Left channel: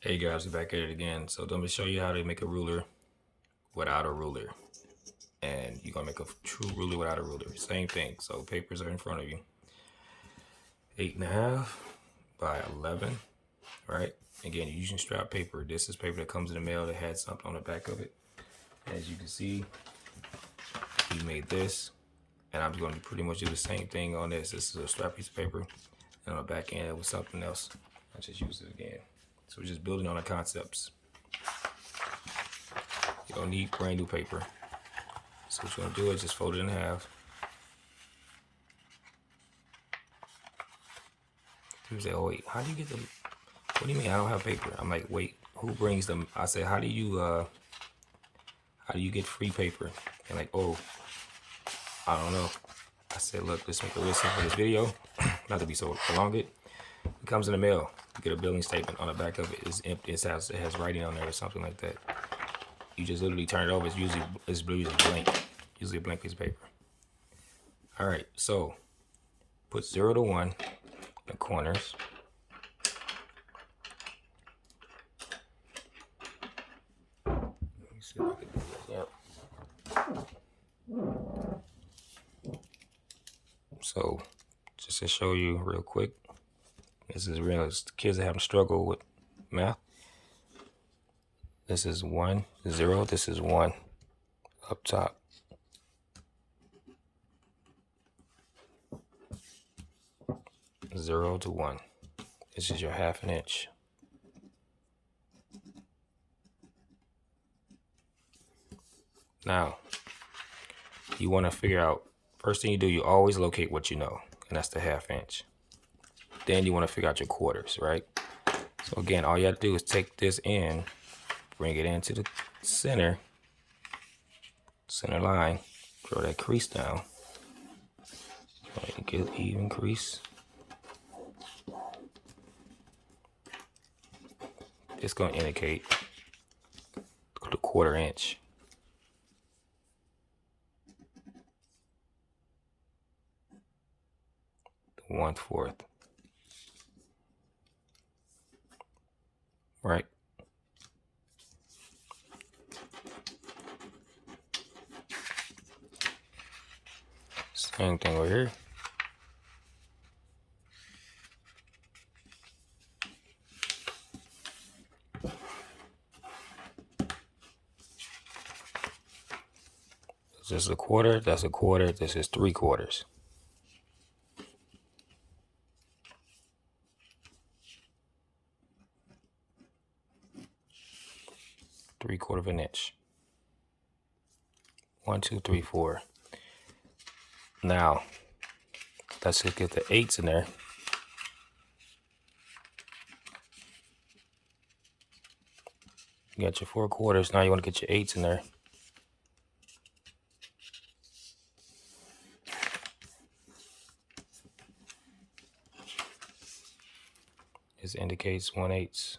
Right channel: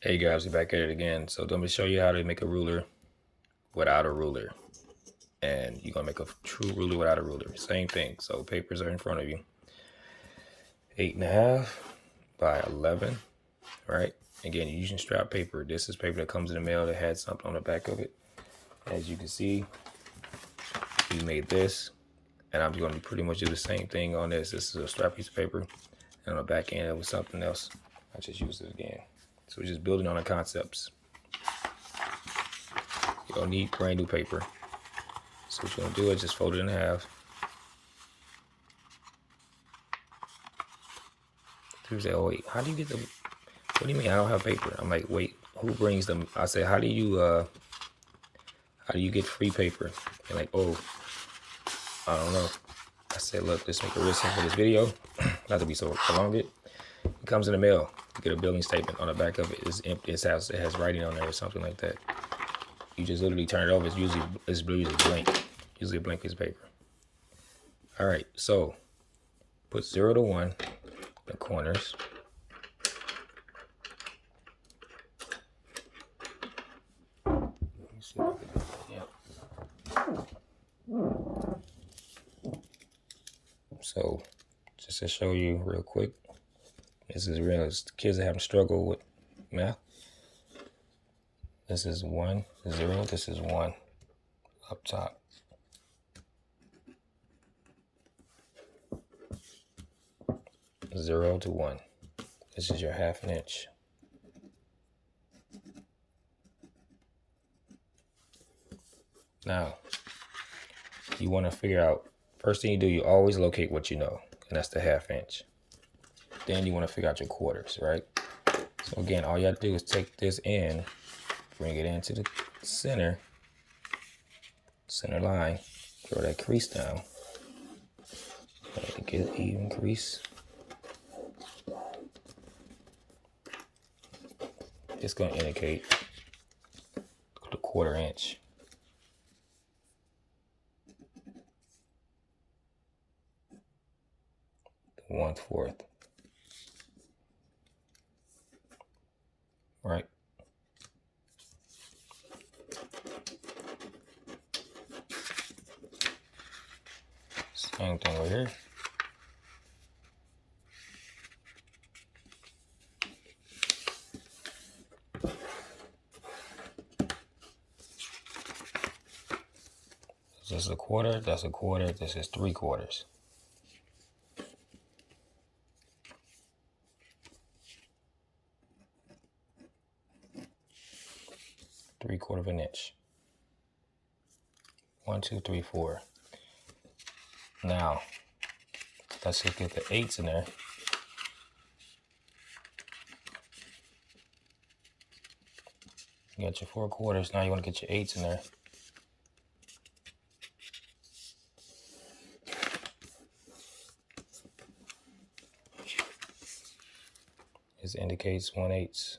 Hey guys, we're back at it again. So let me show you how to make a ruler without a ruler. And you're gonna make a true ruler without a ruler. Same thing. So papers are in front of you. 8.5 by 11, right? Again, you're using strap paper. This is paper that comes in the mail that had something on the back of it. As you can see, he made this. And I'm going to pretty much do the same thing on this. This is a strap piece of paper. And on the back end, it was something else. I just used it again. So we're just building on the concepts. You don't need brand new paper. So what you're gonna do is just fold it in half. People say, "Oh wait, how do you get the? What do you mean I don't have paper?" I'm like, "Wait, who brings them?" I said, how do you get free paper?" They're like, "Oh, I don't know." I said, "Look, let's make it real simple for this video, not to be so prolonged. It comes in the mail. You get a billing statement on the back of it. It's empty. It has writing on there or something like that. You just literally turn it over. It's usually blank. Usually a blank piece of paper. All right, so put 0 to 1 in the corners. Let me see if I can do this. Yep. So just to show you real quick, this is real. Kids that have struggle with math. This is 1, 0. This is 1 up top. Zero to 1. This is your 1/2 inch. Now, you want to figure out, first thing you do, you always locate what you know, and that's the 1/2 inch. Then you want to figure out your quarters, right? So again, all you have to do is take this in, bring it into the center line, draw that crease down. Get an even crease. Just going to indicate the 1/4 inch. The 1/4. Right? Same thing right here. This is a 1/4, that's a 1/4, this is 3/4. Three-quarter of an inch. 1, 2, 3, 4. Now, let's get the 8s in there. You got your 4/4. Now you want to get your 8s in there. This indicates 1/8.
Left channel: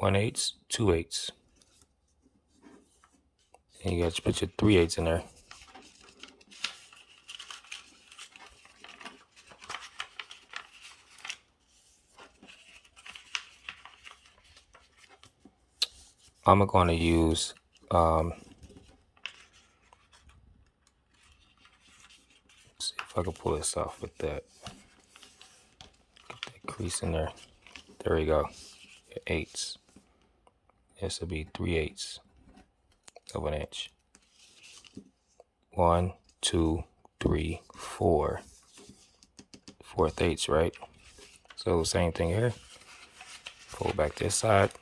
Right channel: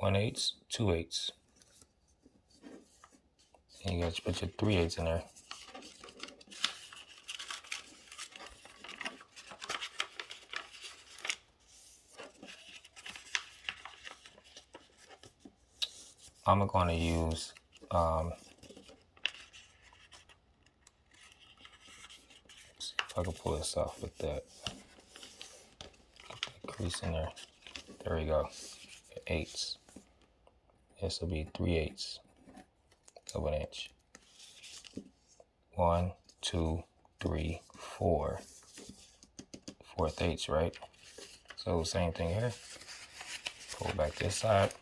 One 8, 2 8. And you got to put your 3/8 in there. I'm going to use see if I can pull this off with that. Get that crease in there. There we go. 8s. This will be 3/8 of an inch. 1, 2, 3, 4. 4/8, right? So same thing here. Pull back this side.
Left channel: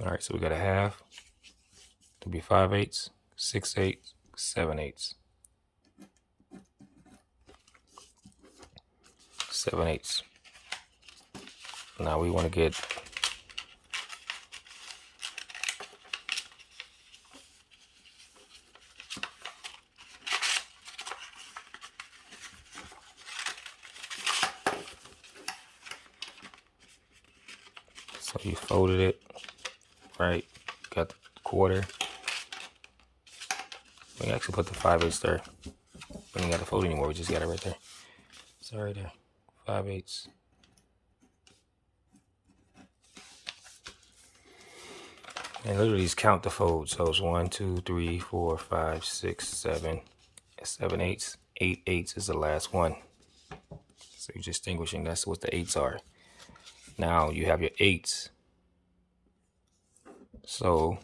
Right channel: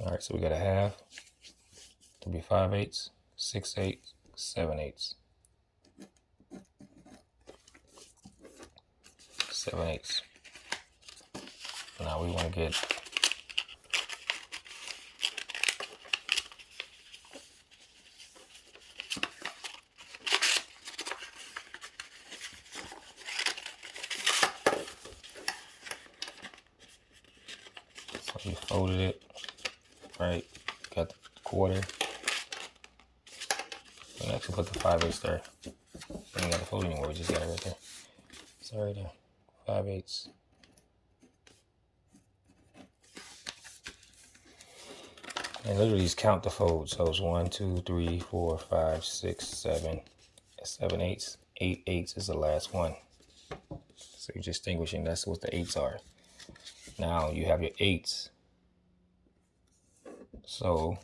All right, so we got a 1/2 to be 5/8, 6/8, 7/8. 7/8. Now we want to get so you folded it, right? Got the quarter. We actually put the 5/8 there. We ain't got to fold anymore. We just got it right there. It's right there. 5/8. And literally just count the folds. So it's 1, 2, 3, 4, 5, 6, 7, 7/8. 8/8 is the last one. So you're distinguishing. That's what the 8s are. Now you have your 8s. So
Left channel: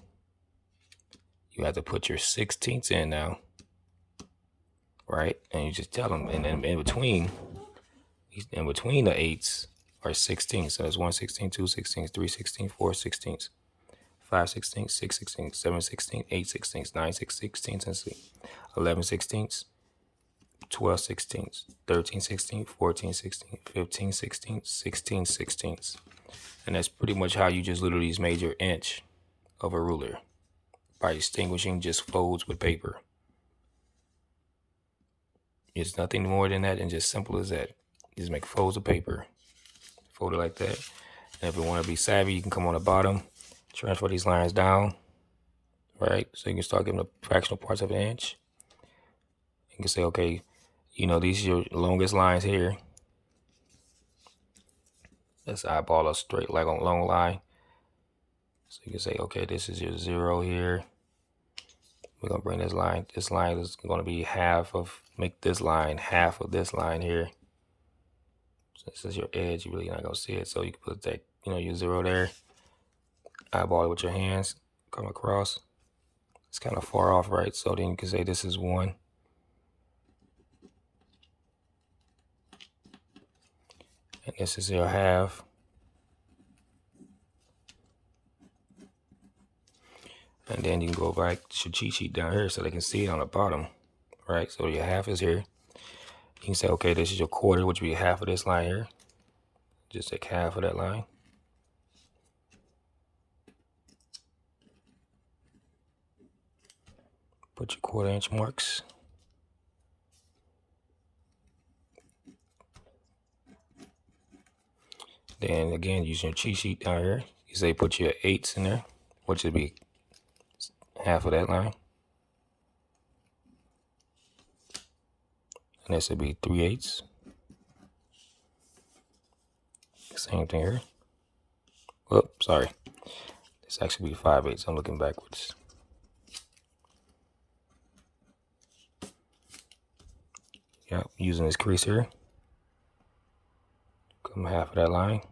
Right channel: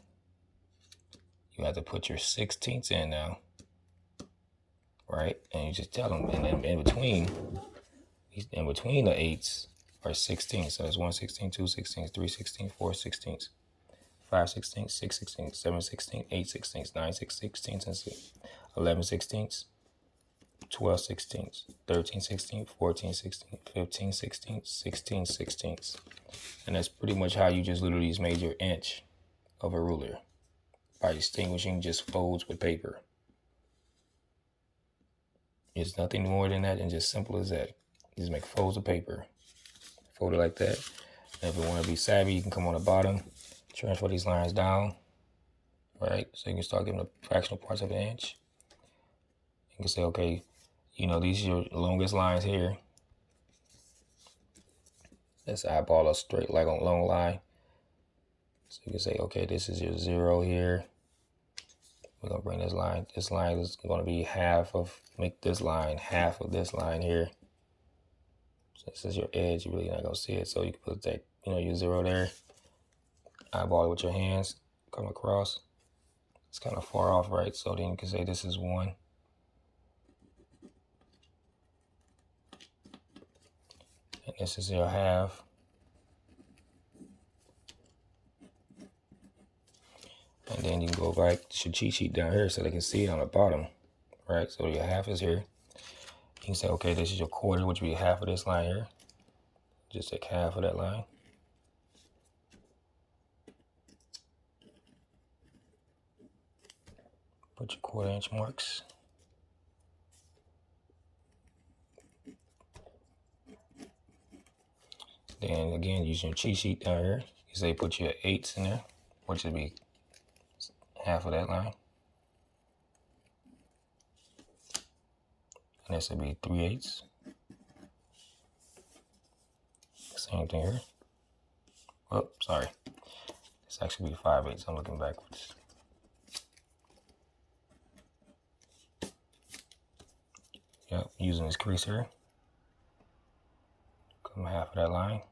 you have to put your 16ths in now. Right? And you just tell them. And then in between the 8s are 16. So there's 1/16, 2/16, 3/16, 4/16, 5/16, 6/16, 7/16, 8/16, 9/16, and 11/16, 12/16, 13/16, 14/16, 15/16, 16/16. And that's pretty much how you just literally just made your inch of a ruler by distinguishing just folds with paper. It's nothing more than that and just simple as that. You just make folds of paper, fold it like that. And if you want to be savvy, you can come on the bottom, transfer these lines down, right? So you can start getting the fractional parts of an inch. You can say, okay, you know, these are your longest lines here. Let's eyeball a straight, like a long line. So you can say, okay, this is your 0 here. We're going to bring this line. This line is going to be make this line half of this line here. So this is your edge. You're really not going to see it. So you can put that, you know, your 0 there. Eyeball it with your hands. Come across. It's kind of far off, right? So then you can say this is 1. And this is your half. And then you can go back to your cheat sheet down here so they can see it on the bottom, right? So your half is here. You can say, okay, this is your quarter, which would be half of this line here. Just take half of that line. Put your 1/4 inch marks. Then again, using your cheat sheet down here, you say put your 8s in there, which would be half of that line. And this would be 3/8. Same thing here. Whoop, sorry. This actually be 5/8. I'm looking backwards. Yep, using this crease here. Come half of that line.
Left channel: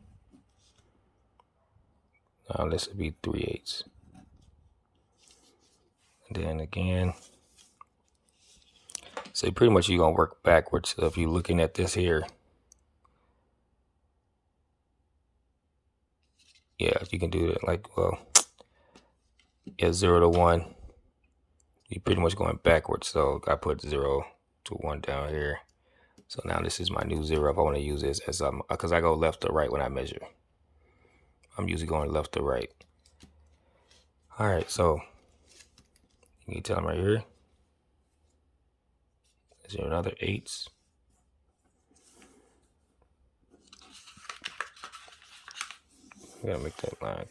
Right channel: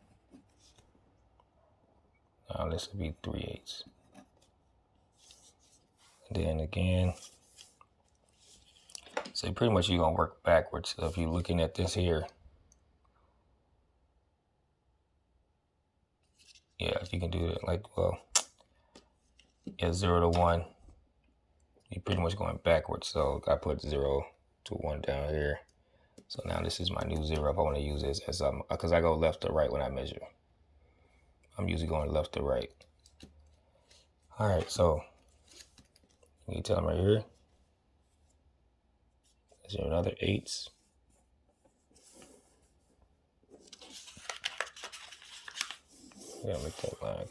Now this would be 3/8. And then again, so pretty much you're going to work backwards. So if you're looking at this here, yeah, you can do it like, well, yeah, 0 to 1. You're pretty much going backwards. So I put 0 to 1 down here. So now this is my new 0 if I want to use this as because I go left to right when I measure. I'm usually going left to right. All right, so you can tell them right here. Is there another 8s? We gotta make that line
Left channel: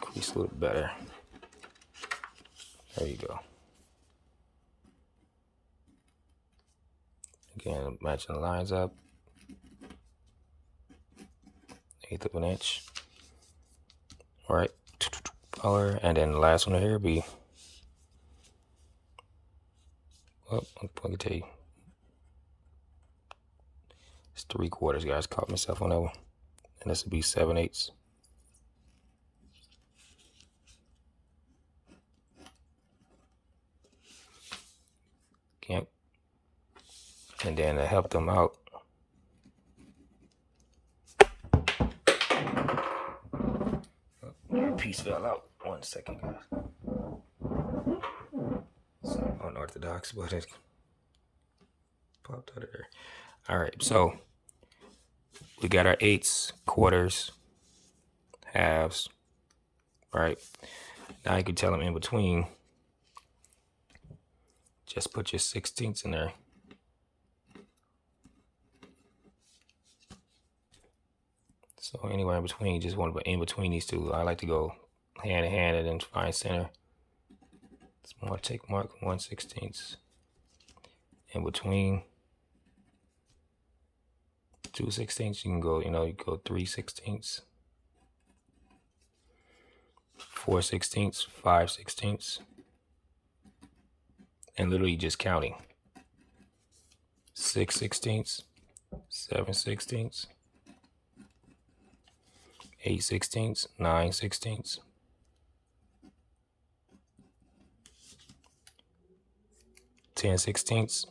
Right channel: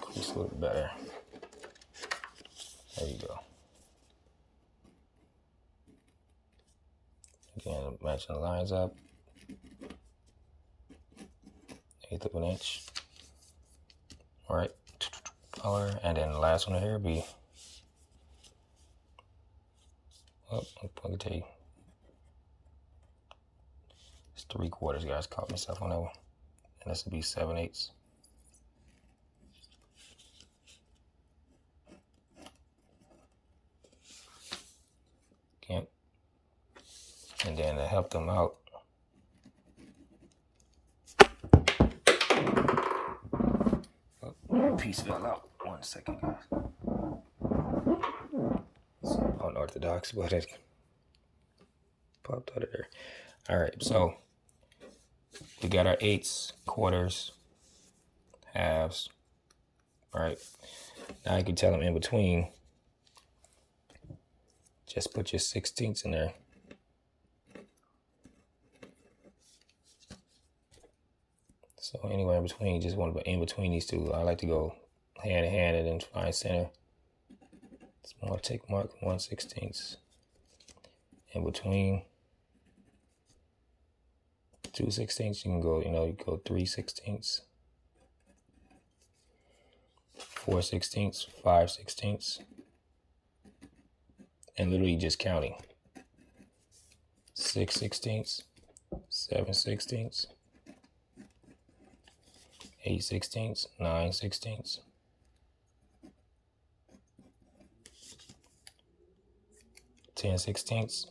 crease a little better. There you go. Again, matching the lines up. 1/8 of an inch. All right, color, and then the last one here be. Well, I'm going to tell you. It's 3/4, guys. Caught myself on that one. And this would be 7/8. Yep. And then to help them out, oh, piece fell out. 1 second, guys. It's unorthodox, but it popped out of there. All right, so we got our 8s, quarters, halves, right? Now you can tell them in between, just put your 16ths in there. So anywhere in between, you just want to put in between these two. I like to go hand in hand and then find center. It's more take mark 1/16 in between 2/16. You can go, you go 3/16, 4/16, 5/16, and literally just counting 6/16, 7/16, 8/16, 9/16, 10/16,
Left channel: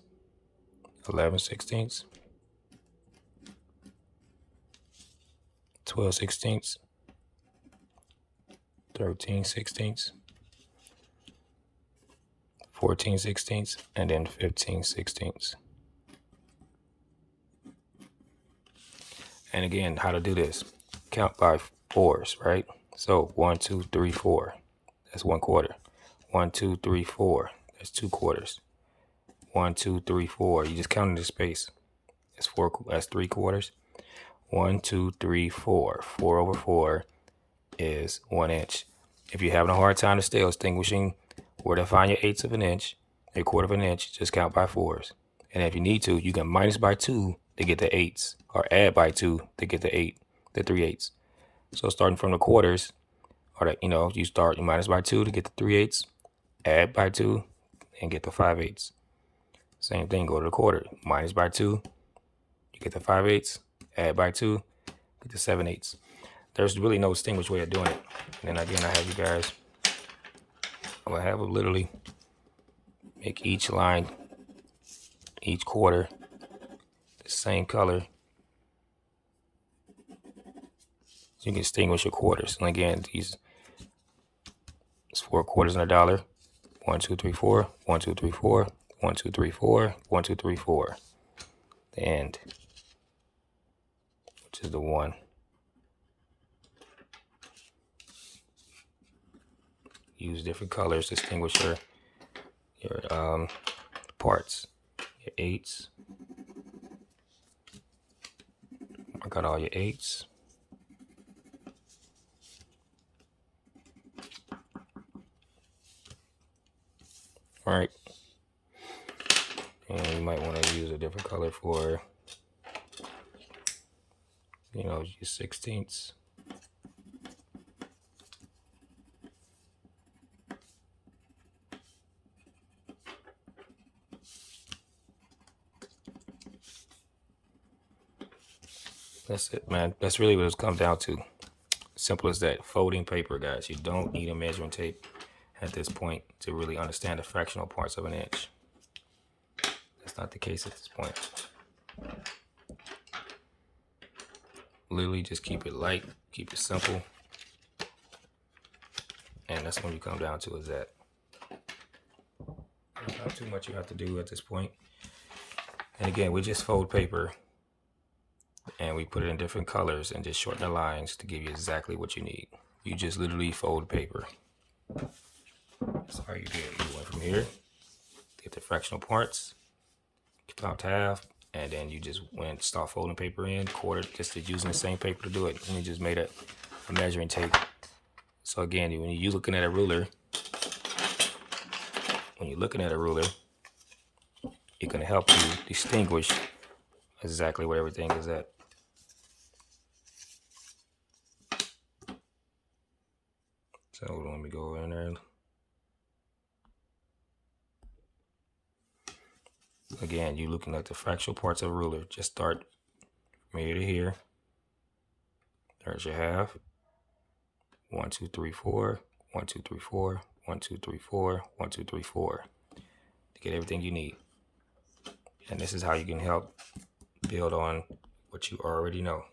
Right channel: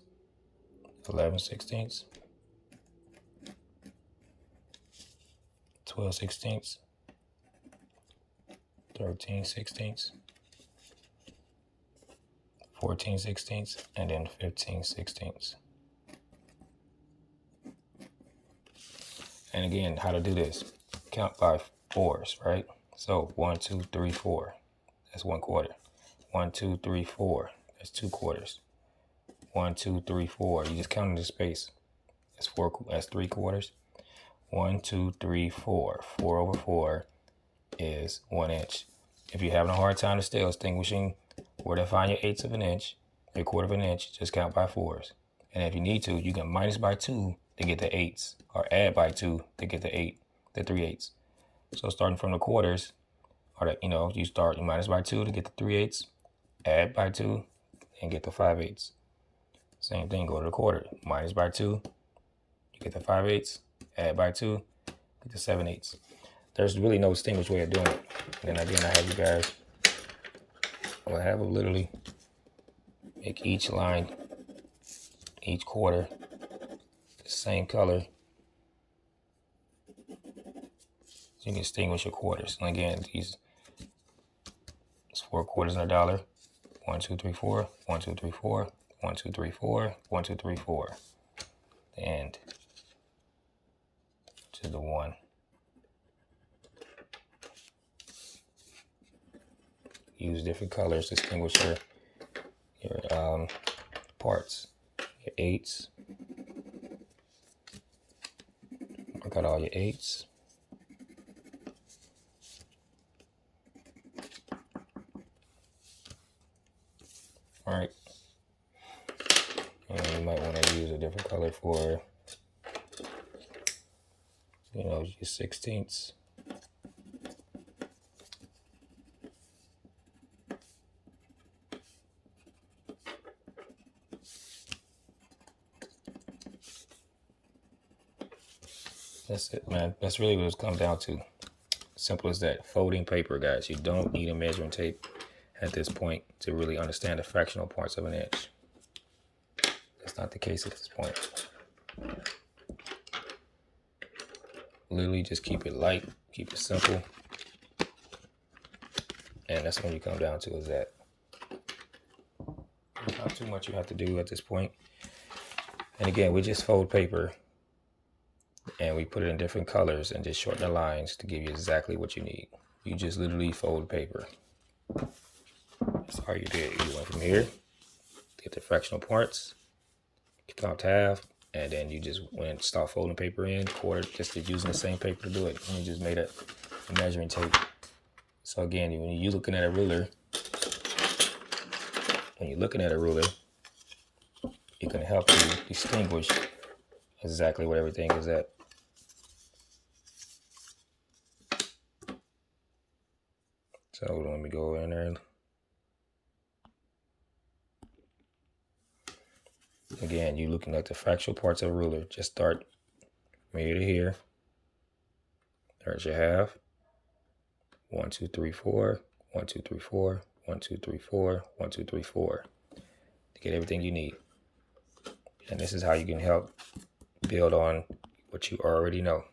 11/16, 12/16, 13/16, 14/16, and then 15/16. And again, how to do this? Count by fours, right? So 1, 2, 3, 4. That's 1/4. 1, 2, 3, 4. That's 2/4. 1, 2, 3, 4. You just count in the space. That's 4. That's 3/4. 1, 2, 3, 4. 4/4 is 1 inch. If you're having a hard time still distinguishing where to find your 1/8 of an inch, 1/4 of an inch, just count by fours. And if you need to, you can minus by 2 to get the 1/8, or add by 2 to get the 3/8. So starting from the quarters, or you minus by 2 to get the 3/8, add by 2, and get the 5/8. Same thing, go to the quarter, minus by 2, you get the 5/8, add by 2, get the 7/8. There's really no distinguished way of doing it. And then again, I have you guys, I have them literally make each line, each quarter, the same color. So you can distinguish your quarters. And again, it's 4 quarters in a dollar. 1, 2, 3, 4. 1, 2, 3, 4. 1, 2, 3, 4. 1, 2, 3, 4. The end, which is the 1. Use different colors to distinguish your parts. Your 8s. Mark out all your 8s. All right. And you might want to use a different color for, your 16ths. That's it, man. That's really what it's come down to. Simple as that. Folding paper, guys. You don't need a measuring tape at this point to really understand the fractional parts of an inch. That's not the case at this point. Literally just keep it light, keep it simple. And that's when you come down to is that. There's not too much you have to do at this point. And again, we just fold paper and we put it in different colors and just shorten the lines to give you exactly what you need. You just literally fold paper. That's all you did. You went from here, get the fractional parts, count half, and then you just went and start folding paper in, quarter, just using the same paper to do it. And you just made a measuring tape. So again, when you're looking at a ruler, it can help you distinguish exactly where everything is at. So let me go in there. Again, you're looking at the fractional parts of a ruler. Just start from here to here. There's your half. 1, 2, 3, 4. 1, 2, 3, 4. 1, 2, 3, 4. 1, 2, 3, 4. To get everything you need. And this is how you can help build on what you already know.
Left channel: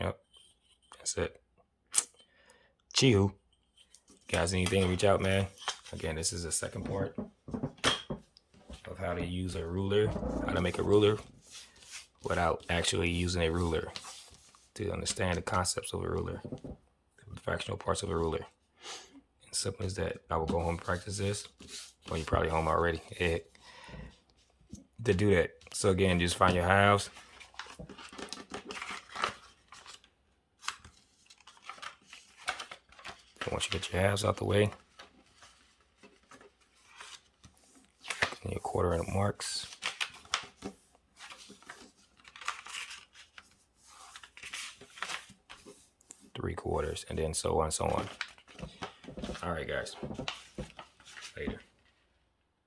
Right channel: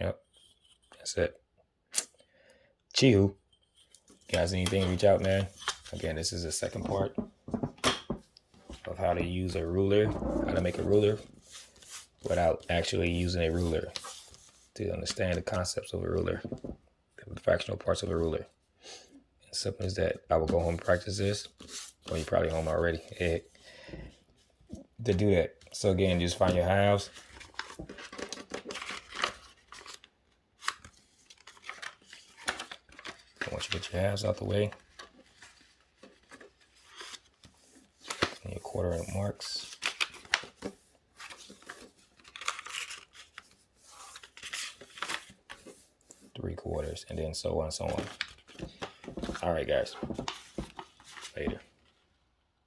Yep. That's it. Chihu. Guys, anything, reach out, man. Again, this is the second part of how how to use a ruler, how to make a ruler without actually using a ruler, to understand the concepts of a ruler, the fractional parts of a ruler. And simple as that. I will go home and practice this. Well, you're probably home already. To do that. So again, just find your halves. Once you get your halves out the way, and your quarter inch marks. Three-quarters, and then so on and so on. All right, guys. Later.